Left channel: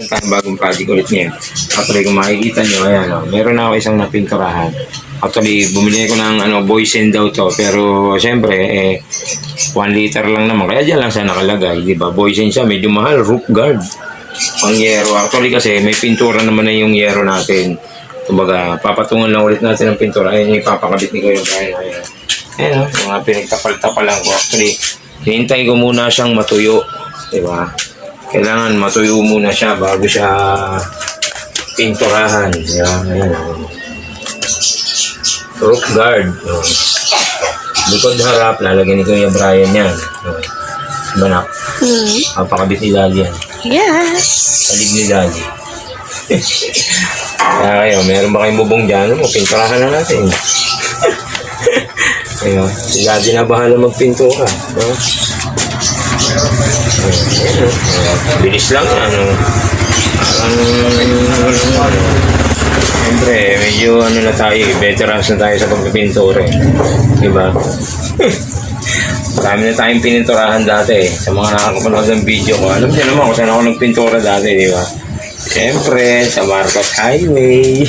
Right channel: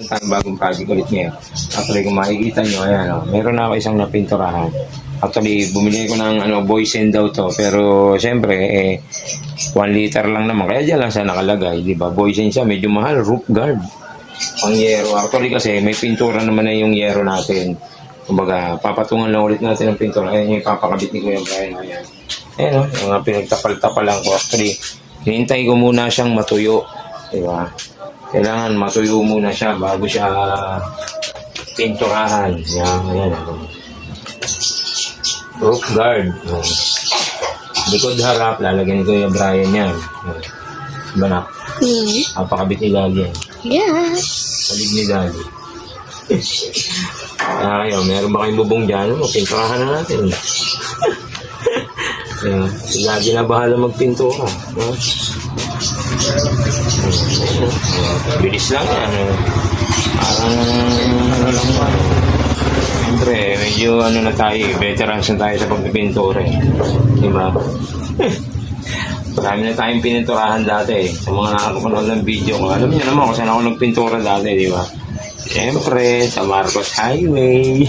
Tayo bagong project ulit niya. Actually, kung makikita nyo, ayan, meron na ako isang napinturahan. Actually, bumili ko ng Boysen daw to. Pero, syempre, 1 liter lang naman. Kaya dyan lang siya nakalagay, di ba? Boysen siya, medyo mahal, roof guard. Pang yero. Actually kasi, may pintura naman na yung yero natin. Kumbaga, papatungan na ulit natin ang pintura. Ayun yung ipapakabit ni Kuya Brian. Ayan. Ayan, yung pinagtapal-tapalan ko. Actually, hinintay ko muna siyang matuyo. Di ba? Kailangan matuyo muna siya bago siya pinturahan. Ayan. Roof guard. Likod harap, lalagyan ni Kuya Brian yan. Banak. Papakabit ni Daddy yan. Yes. Palig ni Daddy. Kaya kayo, meron ba kayong bubong dyan? Pinturahan na natin. Ayun, si Daddy na bahala magpintura. Bilis lang yan. Parang siyempre, medyo na tayo, veterans na tayo sa pagpipintura. Diba? Marami na tayong pininturahan dati. Sa mga nakakapanood ng video ko, alam niyo naman kung saan ako nagpintura dati, diba? Siyempre, sa Marcos Highway.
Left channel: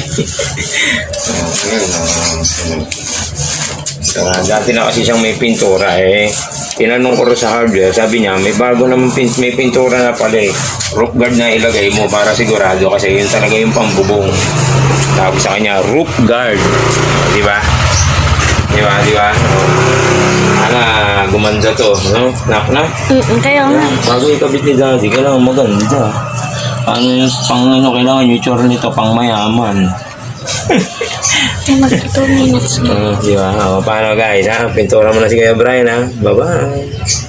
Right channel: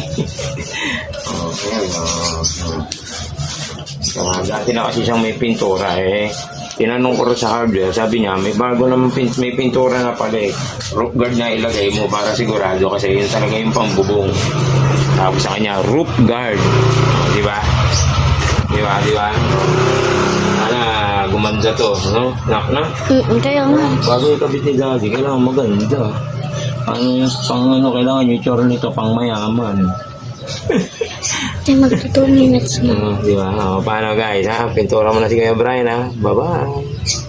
Dati na kasi siyang may pintura tinanong ko rin sa hardware, sabi niya may bago naman may pintura na pala roof guard na ilagay mo para sigurado kasi yun talaga yung pangbubong. Sabi sa kanya roof guard, di ba? Gumanda to, no? Knock na? Kaya nga. Bago ikabit ni Daddy, kailangan maganda. Kailangan yung tsura nito pang mayaman. Ay, mag-2 minutes na. Di ba? Paano guys, ha? Pintura mo na si Kuya Brian, ha? Bye-bye!